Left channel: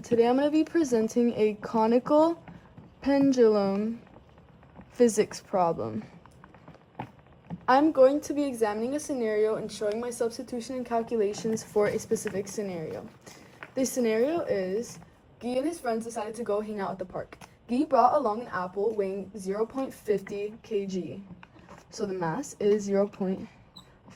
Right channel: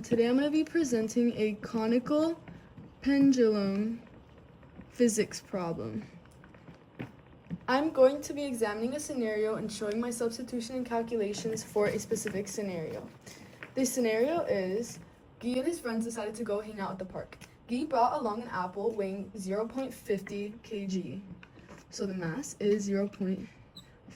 Today I'm going to be presenting a conical pendulum physics problem. I'm going to be examining a scenario and showing my substitution and calculations for a specific scenario. The scenario is Guy and his friends decided to go hang out at the park. Guy brought along an apple weighing 0.50 kg. So the mass is 0.50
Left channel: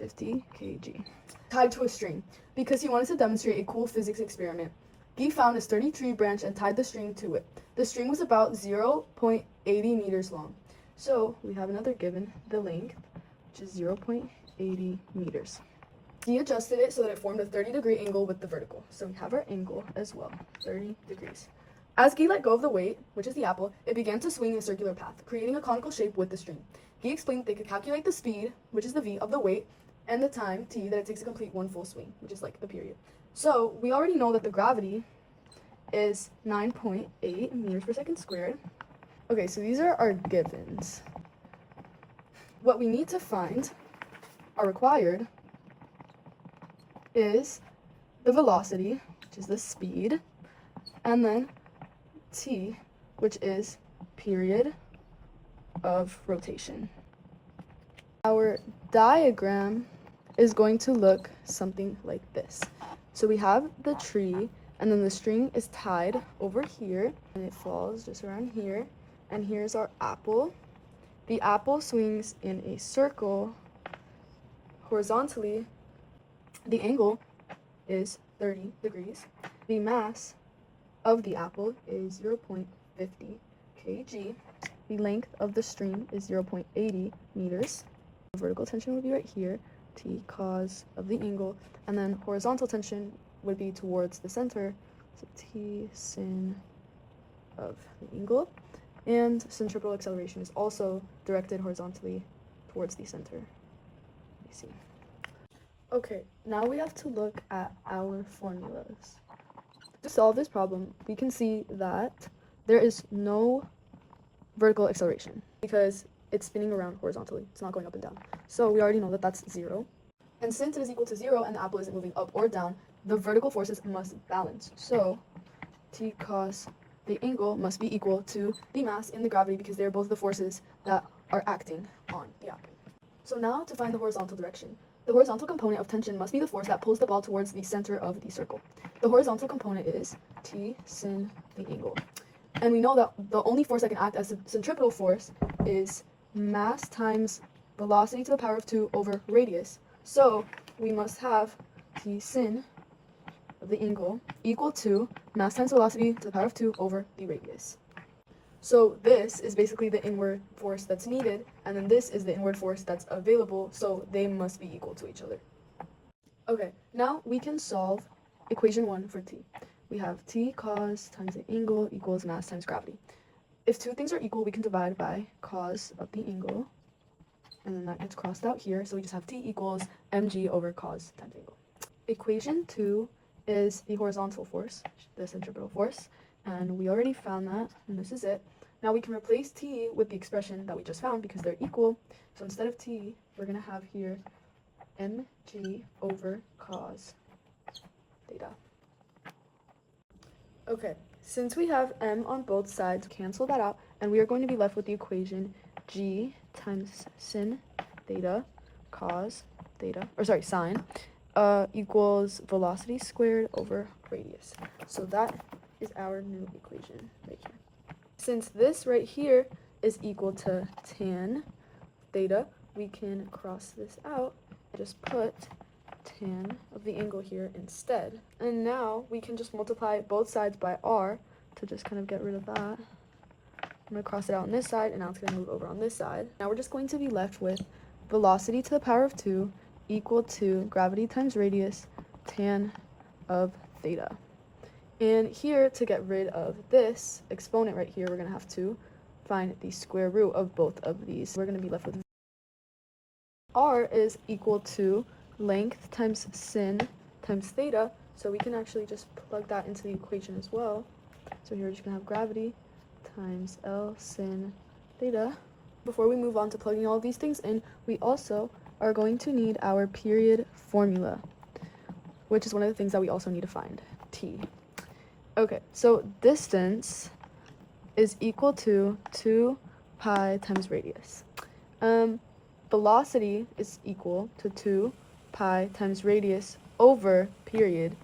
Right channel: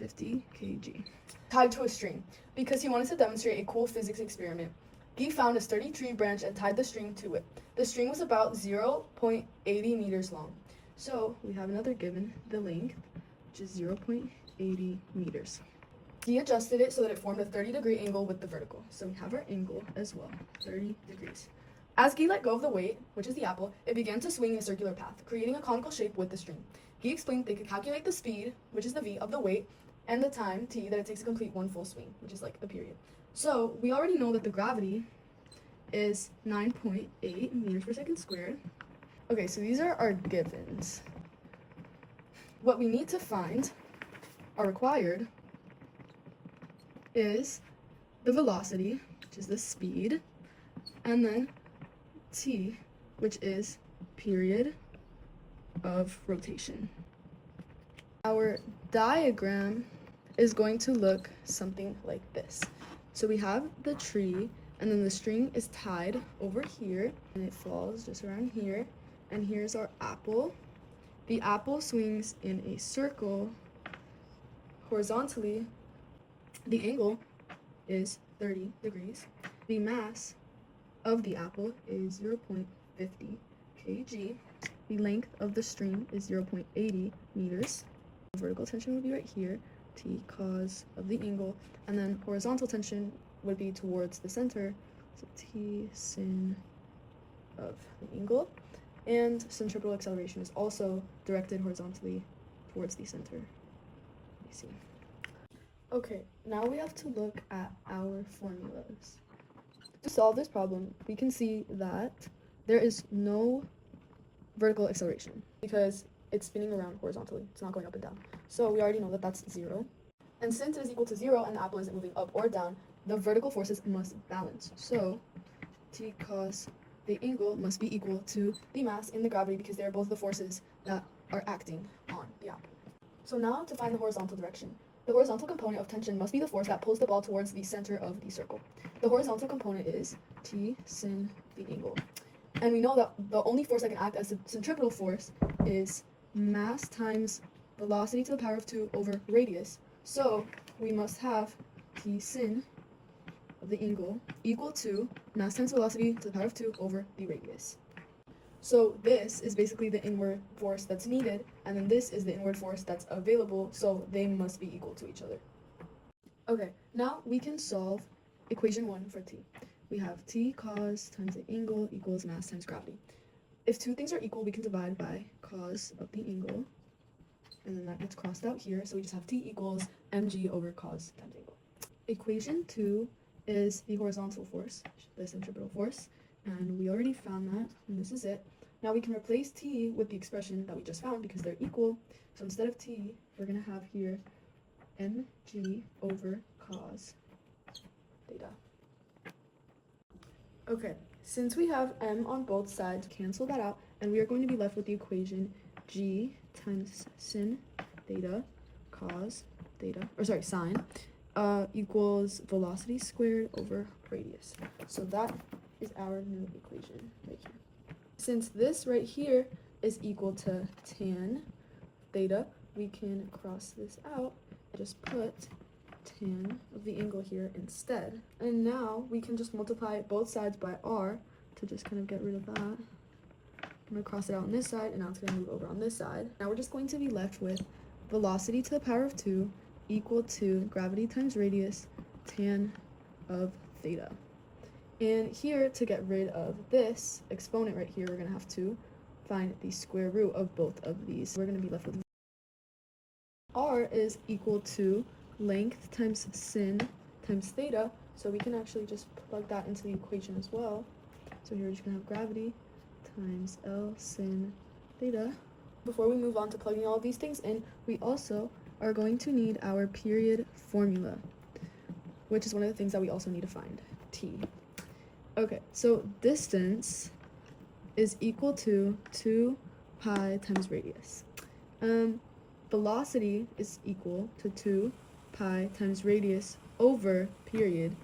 kg. Tied to a string because he wanted to demonstrate a cool physics experiment. Guy found a sturdy tree branch and tied the string to it. The string was about 0.80 meters long. So we have another given, the length, which is 0.80 meters. Guy adjusted it so that it formed a 30-degree angle with the vertical. So we have our angle as well, 30 degrees. As Guy let go of the weight, which is the apple, it began to swing in a circular path, creating a conical shape with the string. Guy explained they could calculate the speed, which is the v, of the weight, and the time, t, that it takes to complete one full swing, which is like the period. So we already know that the gravity is 9.8 meters per second squared. Okay, so these are our givens. What we need to find, or required, is the velocity, which is the speed, and then t, which is period of rotation. Our diagram is going to look something like this. So we have the tree, and then the string is tied over here, and it falls just around here, and here's our apple. The apple swings in a circle horizontally. The angle is 30 degrees. The mass of the apple is 0.50 kg. The length of the string is 0.80 meters. The vertical tension would be right here, t cos of the angle, and then horizontal tension would be towards the center, so t sin of the angle, and centripetal acceleration is also directed horizontally towards the center. You see. Okay, now we have to look at our formulas. To solve this problem, we can see that there is no vertical acceleration because it's spinning around horizontally. It's not going up and down. So we already know that that's 0. And since it is equal to 0 and the apple isn't moving up or down, the vertical forces must balance. So t cos the angle must be equal to the mass and the gravity because they're both the forces that are acting on the apple. So now to find the horizontal direction. The horizontal component of tension must be the force that pulls the ball towards the center of the circle. The horizontal component is t sin the angle. And we know that the only force that can act as a centripetal force is mass times velocity to the power of 2 over radius. So we must have t sin of the angle equal to mass times velocity to the power of 2 over the radius. So this is basically the inward force that's needed, and then this is the inward force that's available, so they must be equal to each other. Okay, now we can solve equation 1 for t. We have t cos times the angle equals mass times gravity. If two things are equal, we can divide by cos of the angle, and then that gets crossed out here, so we just have t equals mg over cos times angle. Equation 2 is the horizontal force, the centripetal force, and we already found that, and this is it. Now we can replace t with the expression that we just found because they're equal. So instead of t, we're going to have here mg over cos theta. Okay, since we have m on both sides, cancel that out, and we are going to be left with the equation g times sin theta cos theta, or sorry, sine, equals velocity squared over radius. So that is our new equation right here. Since this right here is equal to tan theta, we can cross this out and just put tan of the angle here instead. And now we can just multiply both sides by r to just kind of get rid of that. I'm going to cross it out on this side, and now it's going to move over on this side. Now we're just going to be left with velocity to the power of 2 equal to gravity times radius tan of theta. And here, to get rid of this exponent right here, we're going to have to find the square root of both of these. We're going to be left with r is equal to length times sin times theta, so we can actually just plug that into the equation as well. So here we're just going to have gravity times L sin theta. Before we move on to plugging all of these things in, we also are going to need our period formula, which is one of the things that we also need to find, t. Okay, so distance is equal to 2 pi times radius. Velocity is equal to 2 pi times radius over period.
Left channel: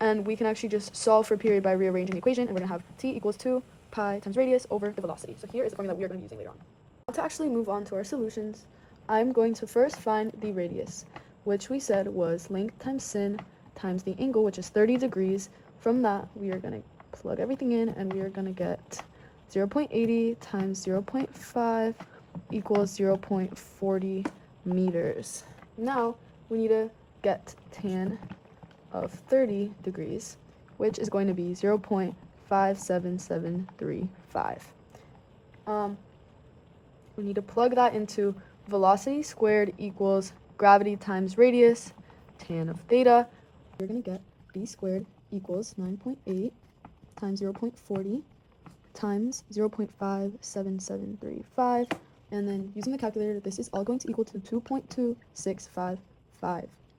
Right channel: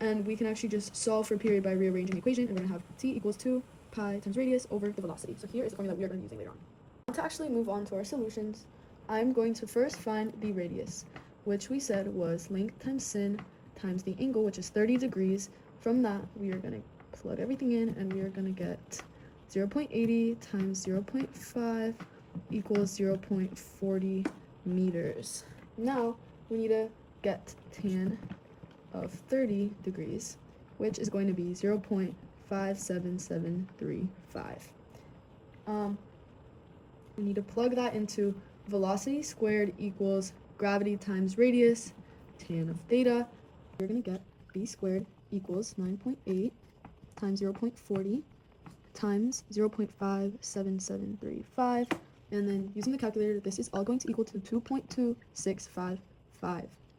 And we can actually just solve for period by rearranging the equation, and we're going to have t equals 2 pi times radius over the velocity. So here is the formula that we are going to be using later on. To actually move on to our solutions, I'm going to first find the radius, which we said was length times sin times the angle, which is 30 degrees. From that, we are going to plug everything in, and we are going to get 0.80 times 0.5 equals 0.40 meters. Now, we need to get tan of 30 degrees, which is going to be 0.57735. We need to plug that into velocity squared equals gravity times radius, tan of theta. You're going to get b squared equals 9.8 times 0.40 times 0.57735. And then using the calculator, this is all going to equal to 2.2655.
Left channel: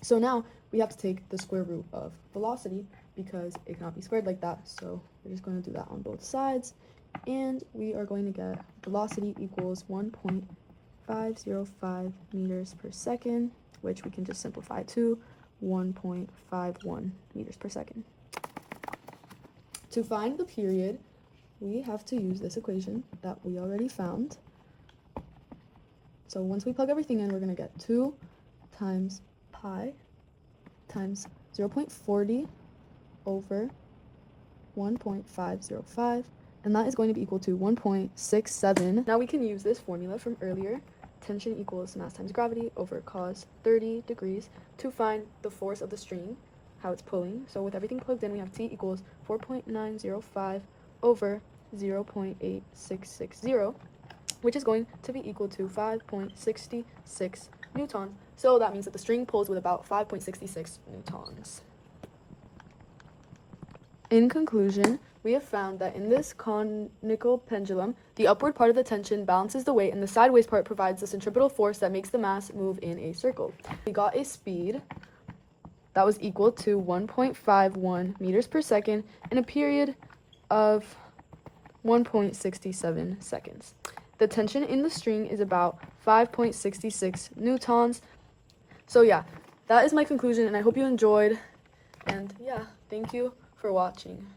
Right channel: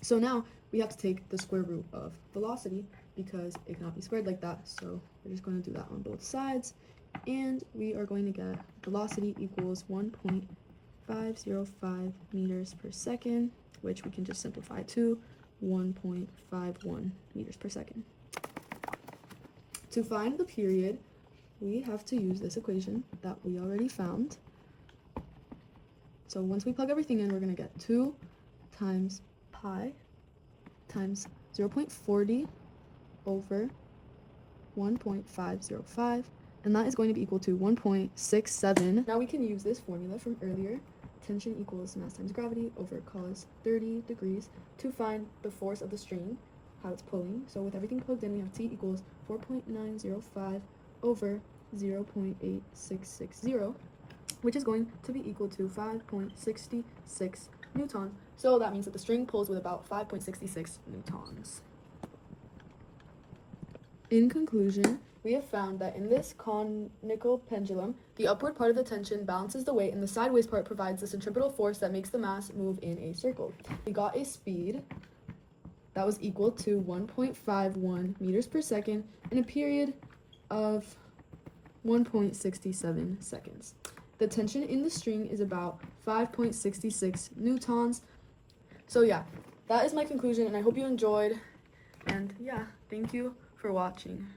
So now we have to take the square root of velocity because it cannot be squared like that. So we're just going to do that on both sides. And we are going to get velocity equals 1.505 meters per second, which we can just simplify to 1.51 meters per second. To find the period, we have to use this equation that we already found. So once we plug everything in, we're going to get 2 times pi times 0.40 over 1.505, and that is going to be equal to 1.67. Now we can use this formula from earlier, tension equals mass times gravity over cos 30 degrees, to find the force of the string, how it's pulling. So with everything plugged in, we have T equals 4.905 over 0.8660, which is going to be equal to 5.66 Newton. So that means that the string pulls with about 5.66 newtons. In conclusion, we have found that in this conical pendulum, the upward part of the tension balances the weight, and the sideways part provides the centripetal force that makes the mass move in a circle. We got a speed that was equal to 1.51 meters per second in a period of 1.67 seconds. The tension in the string is about 5.66 newtons. So yeah, that is my conclusion, and I hope you enjoyed. And yeah, thank you for watching.